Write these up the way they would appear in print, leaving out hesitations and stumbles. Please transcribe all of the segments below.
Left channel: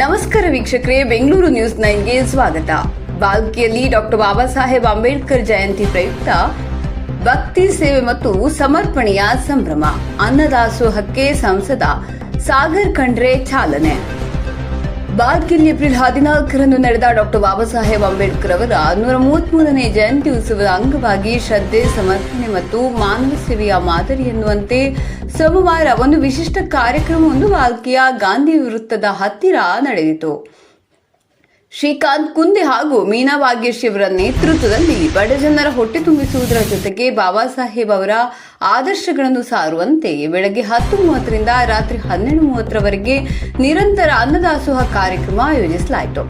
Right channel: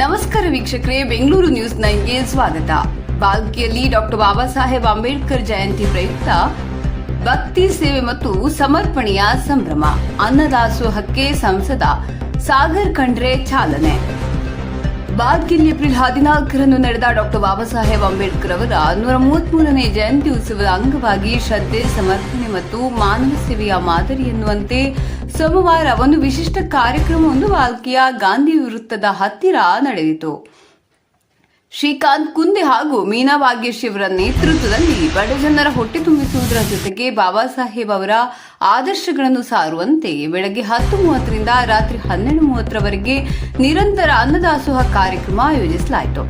ನಮಸ್ಕಾರ ವೀಕ್ಷಕರೇ, ಬೆಂಗಳೂರು ನ್ಯೂಸ್ 9ಗೆ ಸ್ವಾಗತ. ಬಾಲ್ಕಿಯಲ್ಲಿ ಡಾಕ್ಟರ್ ಬಾಬಾ ಸಾಹೇಬ್ ಅಂಬೇಡ್ಕರ್ ಜಯಂತಿ ಪ್ರಯುಕ್ತ ಭಕ್ತಿ ಸೇವೆ ಮತ್ತು ಸಮರ್ಪಣೆಯ ಸಂಭ್ರಮ. ಅನ್ನದಾಸೋಹಕ್ಕೆ ಸಂಸದ ಸಾಗರ್ ಖಂಡ್ರೆ ಚಾಲನೆ. ಬಾಲ್ಕಿಯಲ್ಲಿ ಏಪ್ರಿಲ್ 14ರಂದು ನಡೆದ ಡಾಕ್ಟರ್ ಬಾಬಾ ಸಾಹೇಬ್ ಅಂಬೇಡ್ಕರ್ ಅವರ 133ನೇ ಜಯಂತಿ ಉತ್ಸವದ ಅಂಗವಾಗಿ ಶ್ರದ್ಧೆ, ಸಮರ್ಪಣೆ ಮತ್ತು ಮಾನವ ಸೇವೆಯ ಮಾದರಿ ಎನ್ನುವಂತೆ ಸೋಮವಾರ ಒಂದು ವಿಶಿಷ್ಟ ಕಾರ್ಯಕ್ರಮವೊಂದು ಬಾಲ್ಕಿಯ ಗಾಂಧಿ ವೃತ್ತದ ಹತ್ತಿರ ನಡೆಯಿತು. ಶ್ರೀಕಾಂತ್ ಕುಂದೆ ಹಾಗೂ ಮೀನಾ ಭಾಗ್ಯಶ್ರೀ ಅವರ ನೇತೃತ್ವದಲ್ಲಿ ಬಡಜನರ ಹೊಟ್ಟೆ ತುಂಬಿಸುವುದರ ಜೊತೆಗೆ ಬಾಬಾ ಸಾಹೇಬ್ ಅವರ ಆದರ್ಶಗಳನ್ನು ಸಾರುವಂತೆ ಬೆಳಗ್ಗೆ 10:30ರಿಂದ ರಾತ್ರಿ 12:30ರವರೆಗೆ ನಿರಂತರ ಅನ್ನದಾಸೋಹ ಕಾರ್ಯಕ್ರಮ ಆಯೋಜಿಸಲಾಯಿತು.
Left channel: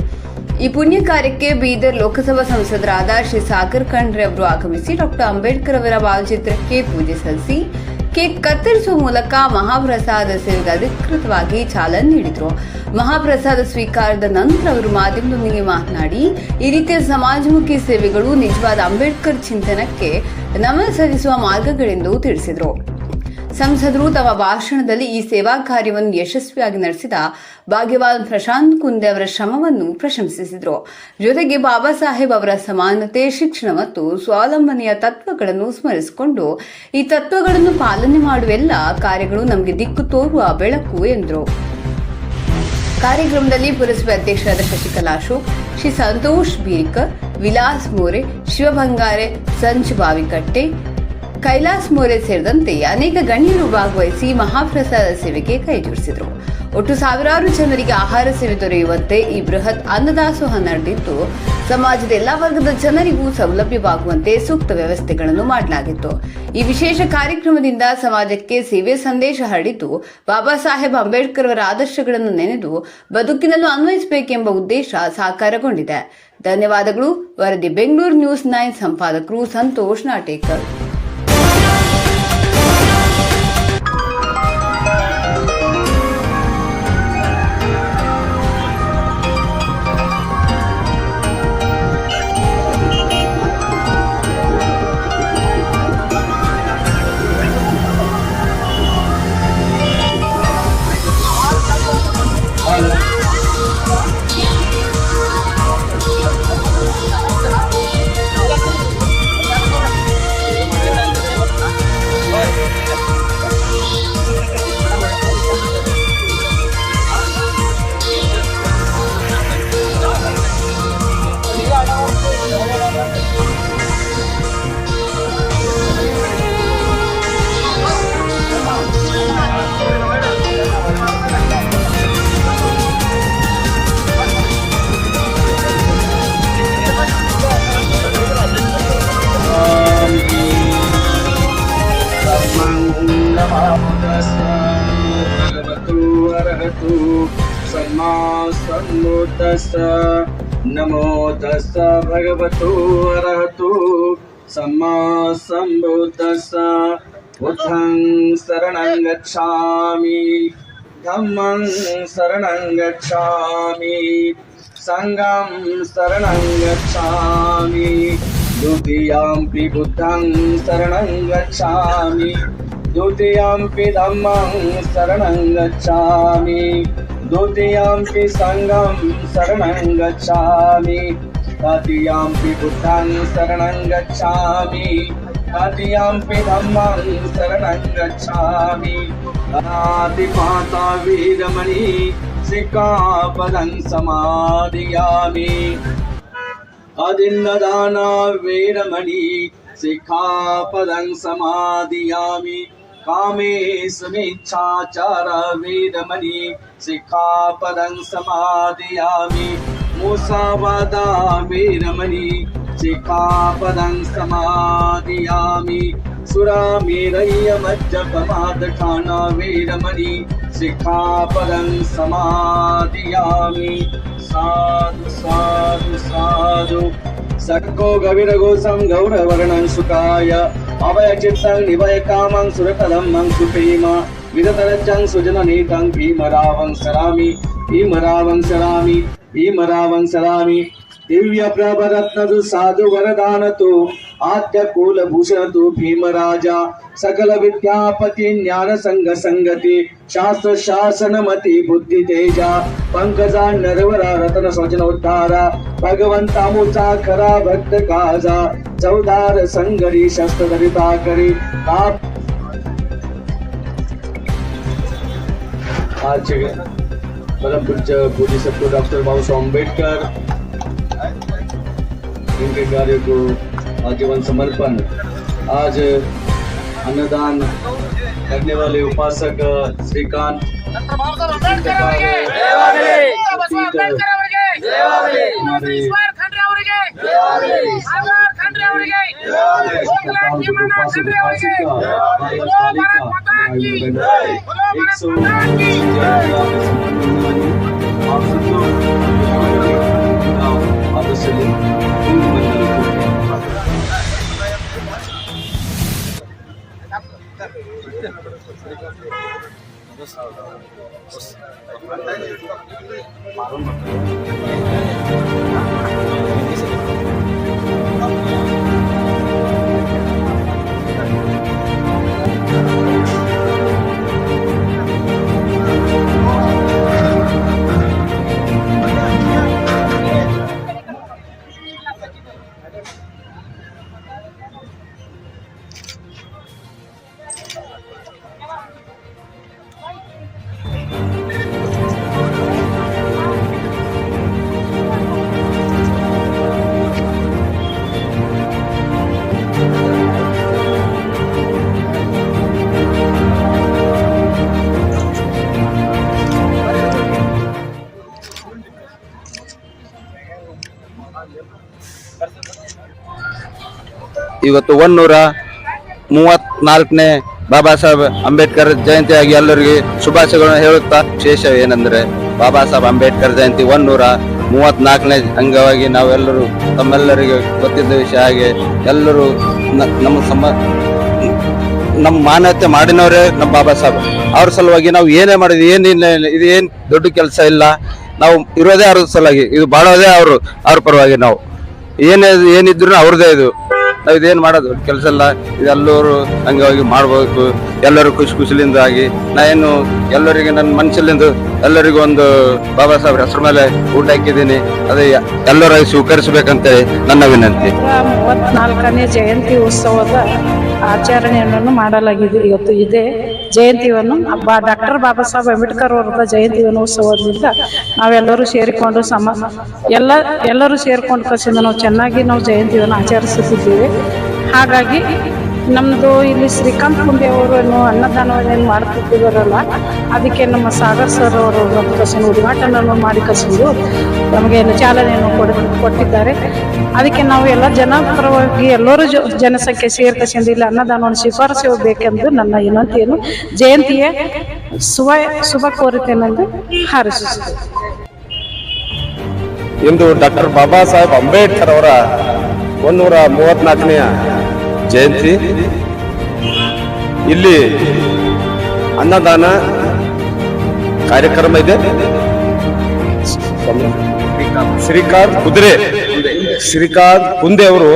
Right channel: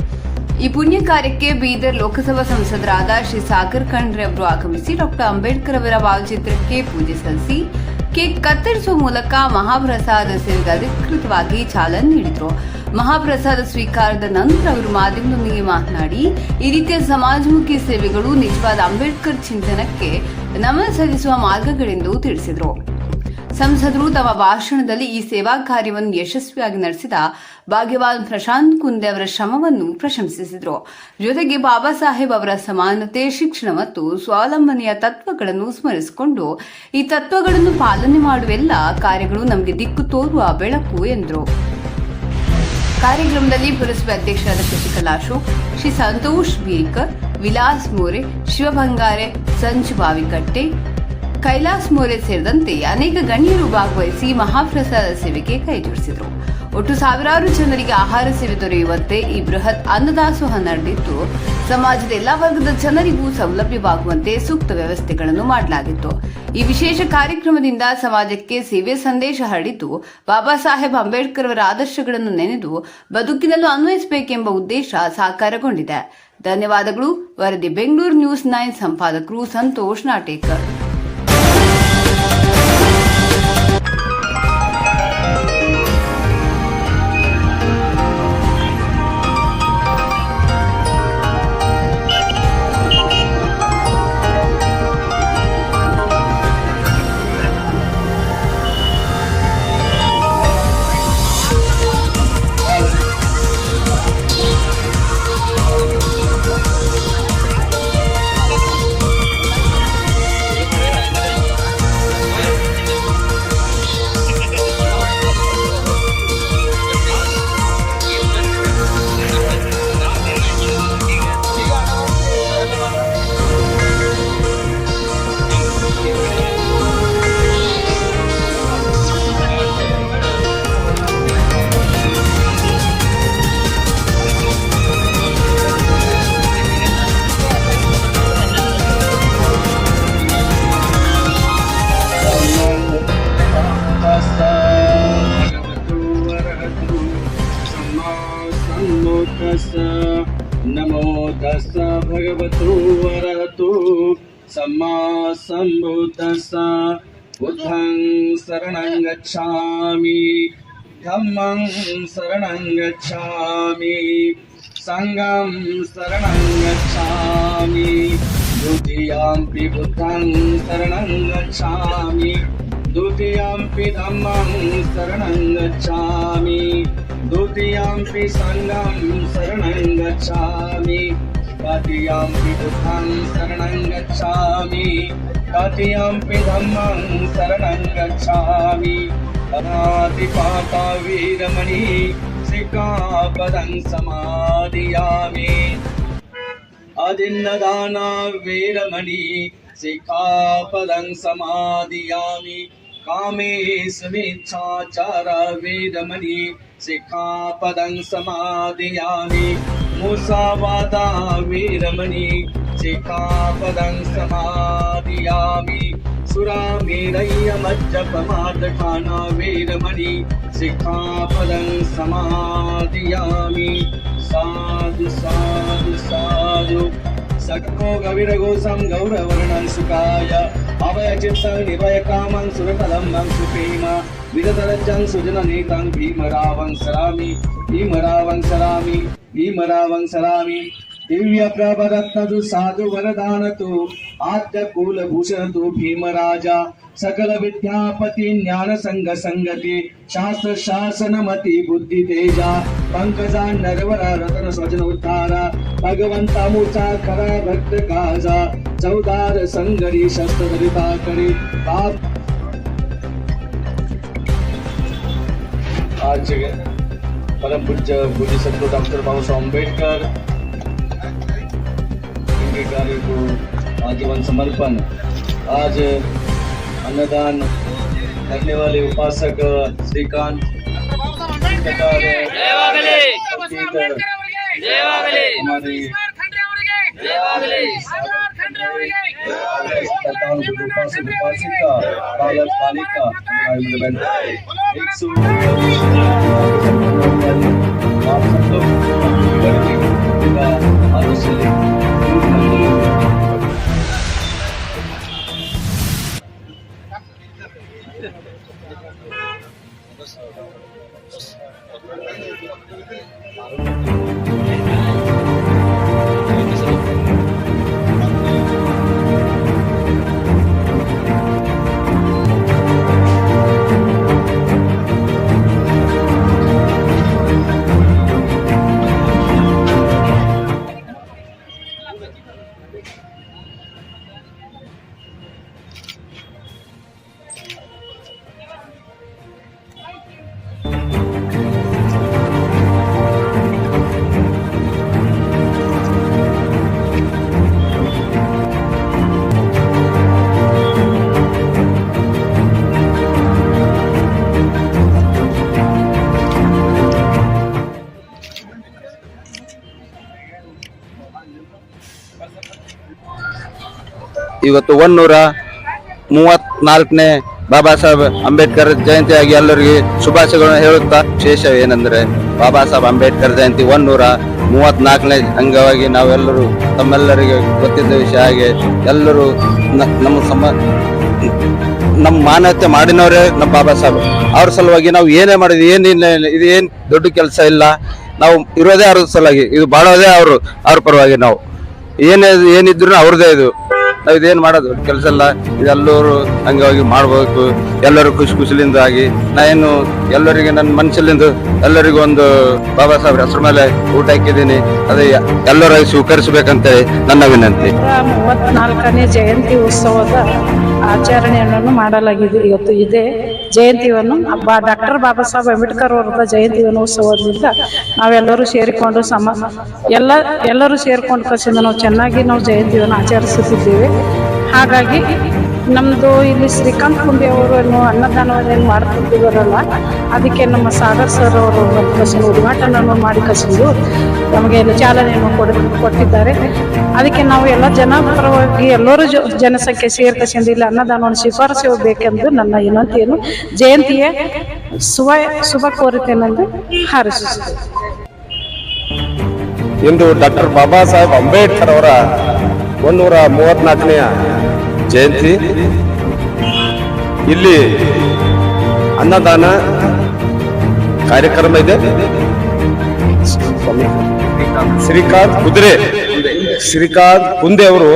ಈ ಪುಣ್ಯ ಕಾರ್ಯಕ್ಕೆ ಬೀದರ್ ಲೋಕಸಭಾ ಸಂಸದರಾದ ಶ್ರೀ ಸಾಗರ್ ಖಂಡ್ರೆ ಅವರು ಆಗಮಿಸಿ ಡಾಕ್ಟರ್ ಅಂಬೇಡ್ಕರ್ ಅವರ ಭಾವಚಿತ್ರಕ್ಕೆ ಪೂಜೆ ಸಲ್ಲಿಸಿ ಕೇಕ್ ಕತ್ತರಿಸುವ ಮೂಲಕ ಮಹಾಪ್ರಸಾದ ಸೇವೆಗೆ ಅಧಿಕೃತವಾಗಿ ಚಾಲನೆ ನೀಡಿದರು. ಮಹಾಪ್ರಸಾದ ಸ್ವೀಕಾರದ ನಂತರ ಅವರು ಮಾಧ್ಯಮದೊಂದಿಗೆ ಮಾತನಾಡಿ, ಈ ರೀತಿಯ ಸಮಾಜಮುಖಿ ಸೇವೆಗಳು ನಿಜವಾದ ಅಂಬೇಡ್ಕರ್ ಚಿಂತನಕ್ಕೆ ನಮನ ಸಲ್ಲಿಸುವ ಮಾರ್ಗಗಳೆಂದು ತಿಳಿಸಿದರು. ಸಂಸದರು ತಮ್ಮ ಭಾಷಣದಲ್ಲಿ ಈ ಸೇವಾ ಕಾರ್ಯವನ್ನು ಯಶಸ್ವಿಯಾಗಿ ನಡೆಸಿದ ಭಾಗ್ಯವಾನ್ ಪ್ರಶಾಂತ್ ಕುಂದೆ ಅವರ ಶ್ರಮವನ್ನು ಪ್ರಶಂಸಿಸಿದರು. ಜೊತೆಗೆ ಬಾಬಾ ಸಾಹೇಬ್ ಅವರ ಸಮಾನತೆ, ಶಿಕ್ಷಣ ಮತ್ತು ಸ್ವಾವಲಂಬನೆಯ ತತ್ವಗಳನ್ನು ಸ್ಮರಿಸಿಕೊಂಡು ಈ ತತ್ವಗಳನ್ನು ಪಾಲನೆ ಮಾಡುವ ಎಲ್ಲ ಕಾರ್ಯಗಳು ನಮಗೆ ದಿಕ್ಕು ತೋರುವ ಬೆಳಕು ಎಂದರು. ಕಾರ್ಯಕ್ರಮದಲ್ಲಿ ಪುರಸಭೆ ಅಧ್ಯಕ್ಷರಾದ ಶಶಿಕಲಾ ಅಶೋಕ್, ಶ್ರೀ ಸಂತೋಷ್ ಬೀರಿಕರ್, ವಿಲಾಸ್ ಮೋರೆ, ಶಿವ ಬಂಗಾರೆ, ಸಂಜು ಬಾವಿಕಟ್ಟೆ, ಕೈಲಾಸ್ ಮೋರೆ ಸೇರಿದಂತೆ ಅನೇಕ ಗಣ್ಯರು ಭಾಗವಹಿಸಿ ಮಹಾಪ್ರಸಾದ ಸೇವೆಗೆ ಕೈಜೋಡಿಸಿದರು. ಒಟ್ಟು ಸಾವಿರಾರು ಜನರಿಗೆ ಆಹಾರ ಸೇವೆ ದೊರೆಯುವಂತೆ ಈ ಬೃಹತ್ ಅನ್ನದಾಸೋಹ ನಡೆದಿದ್ದು, ಸಮಾಜದ ಎಲ್ಲಾ ವರ್ಗದ ಜನರಿಗೂ ಸೌಲಭ್ಯವಾಗುವಂತೆ ಸೂಕ್ತ ವ್ಯವಸ್ಥೆಗಳನ್ನು ಮಾಡಲಾಗಿತ್ತು. ಈ ವಿಶೇಷ ಕಾರ್ಯಕ್ರಮದಿಂದ ಸಮಾಜಕ್ಕೆ ಸೇವೆ ಸಂದೇಶ ಹರಡಿದ್ದು, ಬಾಬಾ ಸಾಹೇಬ್ ಅಂಬೇಡ್ಕರ್ ಅವರ ಆದರ್ಶಗಳನ್ನು ನೆನೆದು ಬದುಕಿನಲ್ಲೂ ಅನ್ವಯಿಸಬೇಕೆಂಬ ಉದ್ದೇಶ ಸಾಕಾರಗೊಂಡಿದೆ. ಧನ್ಯವಾದಗಳು. ವರದಿ ಬೆಂಗಳೂರು ನ್ಯೂಸ್ 9 ಸಂಪಾದಕರು ಸಂತೋಷ್ ನಾಟೇಕರ್. नमो तस्स भगवतो अरहतो सम्मा सम्बुद्धस्स. बुद्धं शरणं गच्छामि, धम्मं शरणं गच्छामि, संघं शरणं गच्छामि, द्वितीयंपि बुद्धं शरणं गच्छामि, द्वितीयंपि धम्मं शरणं गच्छामि, द्वितीयंपि संघं शरणं गच्छामि, तृतीयंपि बुद्धं शरणं गच्छामि, तृतीयंपि धम्मं शरणं गच्छामि. अनादिपाता वीरमणि सिक्खापदं समादयामि. अदिन्नदाना वीरमणि सिक्खापदं समादयामि. कामेषुमिच्छाचार वीरमणि सिक्खापदं समादयामि. मुसावादा वीरमणि सिक्खापदं समादयामि. सुरामेरय्य मज्जपमादठाना वीरमणि सिक्खापदं समादयामि. साधु साधु साधु. सक्को गविरगोसं गौरवर्णं सुखाय अभयचित्तं निभय कामं सुरतदं सुप्रेम विरतरज्जं सुजननीतं भीमरावं सरामि, भीमरावं सरामि, भीमरावं सरामि. दिव्य प्रभरत्नतु साधु वरदानतु आद्य कुलभूषण तु भीमराज सकल विद्यापति ज्ञान संग संगति शास्त्र शासन मति बुद्धि तेजा पंकजा नरवरा रतन स्वजन उद्धारा भगवंता मुचा खरा भक्त काजा चौदार संगरी शस्त्र धरिता करी आज परम पूज्य पूज्य सद्गुरु डॉक्टर बाबा साहब अम्बेडकर इनके कार्य को आजीवन समर्पण। आज अन्नदान करने वाले उपासक श्रीकांत हमारे उपासक उपासिका बालक बालिका 100 आप सब लोग अवश्य ಇವತ್ತು 134ನೇ ಬಾಬಾ ಸಾಹೇಬ್ ಅಂಬೇಡ್ಕರ್ ಜಯಂತಿಯಾಗಿ ಎಲ್ಲರಿಗೆ ಶುಭಾಶಯಗಳನ್ನು ಹೇಳುತ್ತಾ ವಿಶೇಷ ಏನಂದ್ರೆ ಬಾಬಾ ಸಾಹೇಬ್ ಅಂಬೇಡ್ಕರ್ ಜಯಂತಿ 134ನೇ ಅಂಗವಾಗಿ ನಾವೆಲ್ಲರೂ ತಮ್ಮೆಲ್ಲರಿಗೆ ಗೊತ್ತಿದ್ದ ವಿಷಯ ಹಾಗೆ ಎಲ್ಲರೂ ನಮ್ಮ ಮಾನವತೆ ಮಾಡಿನವರೇ ನಮ್ಮ ಬಾಬಾ ಸಾಹೇಬ್ ಅವ್ರ ಸಲುವಾಗಿ ನಾವು ಏನೇ ಮಾಡಿದ್ವಿ ಏನಿಲ್ಲ ಇದು ಏನು ದೊಡ್ಡ ಕೆಲಸ ಇಲ್ಲ ನಾವು ಇರೋದೇ ಅವ್ರ ಸಲುವಾಗಿ ಇದು ಬಾಳೋದೇ ಅವ್ರ ಪರವಾಗಿ ನಾವು ಏನಿದ್ರು ಅವ್ರದೇ ಇದು ನಾವು ಇದೇನು ಮಾಡೋದು ಕೆಲಸ ಇಲ್ಲ ಇದೆಲ್ಲರೂ ಅಂಗವಾಗಿ ಮಾಡ್ಬೇಕು ಎಲ್ಲರೂ ಖುಷಿಲಿಂದ ಆಗಿ ನಾನು ಎಲ್ಲರಿಗೆ ನನ್ನ ಮನಸ್ಸಲ್ಲಿಂದ ಎಲ್ಲರಿಗೂ ಒಂದು ಬಾಬಾ ಸಾಹೇಬ್ರ ಹೆಸರು ಮೇಲೆ ಊಟ ಹಾಕಿದ್ದೀನಿ ಅದೇ ಎಲ್ಲರೂ ಸ್ವೀಕರಿಸಬೇಕಂತೇಳಿ ನನ್ನ ವಿನಂತಿ 34ನೇ ಜಯಂತಿ ಉತ್ಸವದ ಆಚರಣೆಯನ್ನು ಮಾಡಲಾಗಿದೆ ಇವತ್ತು ಇದೇ ಜಯಂತಿಯನ್ನು ಡಾಕ್ಟರ್ ಬಾಬಾ ಸಾಹೇಬ್ ಅಂಬೇಡ್ಕರ್ ಅವರ ಜಯಂತಿಯನ್ನು ಉತ್ಸವದಿಂದ ನಾವೆಲ್ಲರೂ ಸೇರಿಕೊಂಡು ಎಲ್ಲರೂ ಸೇರಿಕೊಂಡು ಕಸಿಂದ ನಾವು ಚೆನ್ನಾಗಿ ನಾವು ಜಯಂತಿಯನ್ನು ಆಚರಿಸುತ್ತಿದ್ದೇವೆ ಹಾಗಾಗಿ ನಮ್ಮದು ಇಲ್ಲಿ ಶ್ರೀಕಾಂತ್ ಕುಂಡಿ ಅವರನ್ನು ಅನ್ನದಾನವನ್ನು ಮಾಡುತ್ತಿದ್ದಾರಲ್ಲ ಅದಕ್ಕೆ ನಮ್ಮ ಸಾಗರ್ ಸರ್ ಅವರು ಕಸಿನ ಉದ್ಘಾಟನೆಯನ್ನು ಮಾಡಿ ಕಸಿದು ನಮಗೆ ಎಲ್ಲ ಚಾಲನೆಯನ್ನು ಕೊಟ್ಟಿದ್ದಾರೆ ಅದಕ್ಕೆ ನಾವು ಎಲ್ಲ ಜನಪರವಾಗಿ ಎಲ್ಲರೂ ಜನಸಂಖ್ಯೆ ಸೇರ್ಕಸಿಂದ ಇಲ್ಲಿ ಅನ್ನದಾನವನ್ನು ಶಿಫಾರಸು ಬೇಕೆಂದು ನನ್ನ ವಿನಂತಿಯನ್ನು ಜಯಂತಿಯ ಶುಭ ಕೋರುತ್ತೇನೆಂದು ಹಾರೈಸುತ್ತೇನೆ. ಇಂದು ಡಾಕ್ಟರ್ ಬಾಬಾ ಸಾಹೇಬ್ ಅಂಬೇಡ್ಕರ್ ಅವರ 134ನೇ ಜಯಂತಿ. ಇಲ್ಲಿ ಅನ್ನದಾನ ಕಾರ್ಯಕ್ರಮ ಇದೆ. ಶ್ರೀಕಾಂತ್ ಕುಂದೆ ಅವರು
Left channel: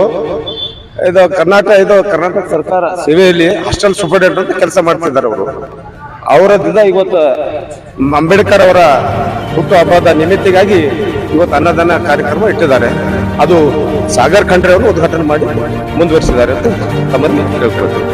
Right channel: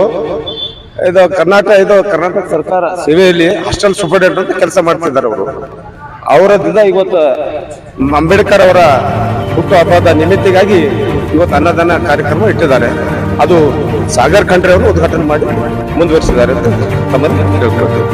ಇದು ಕರ್ನಾಟಕ ಸರ್ಕಾರ ಸೇವೆಯಲ್ಲಿ ಹಾಸ್ಟೆಲ್ ಸೂಪರ್ಡೆಂಟ್ ಅಂತ ಕೆಲಸ ಮಾಡ್ತಿದ್ದಾರೆ. ಅವರದಿಂದ ಇವತ್ತು ಅಂಬೇಡ್ಕರ್ ಅವರ ಹುಟ್ಟು ಹಬ್ಬದ ನಿಮಿತ್ತಿಗಾಗಿ ಇವತ್ತು ಅನ್ನದಾನ ಕಾರ್ಯಕ್ರಮ ಇಟ್ಟಿದ್ದಾರೆ. ಅದು ಸಾಗರ್ ಖಂಡ್ರೆ ಅವರು ಉದ್ಘಾಟನೆ ಮಾಡಿ ಮುಂದುವರಿಸಿದ್ದಾರೆ ಅಂತ ತಮ್ಮಲ್ಲಿ ಹೇಳ್ಕೊಳ್ತೇವೆ.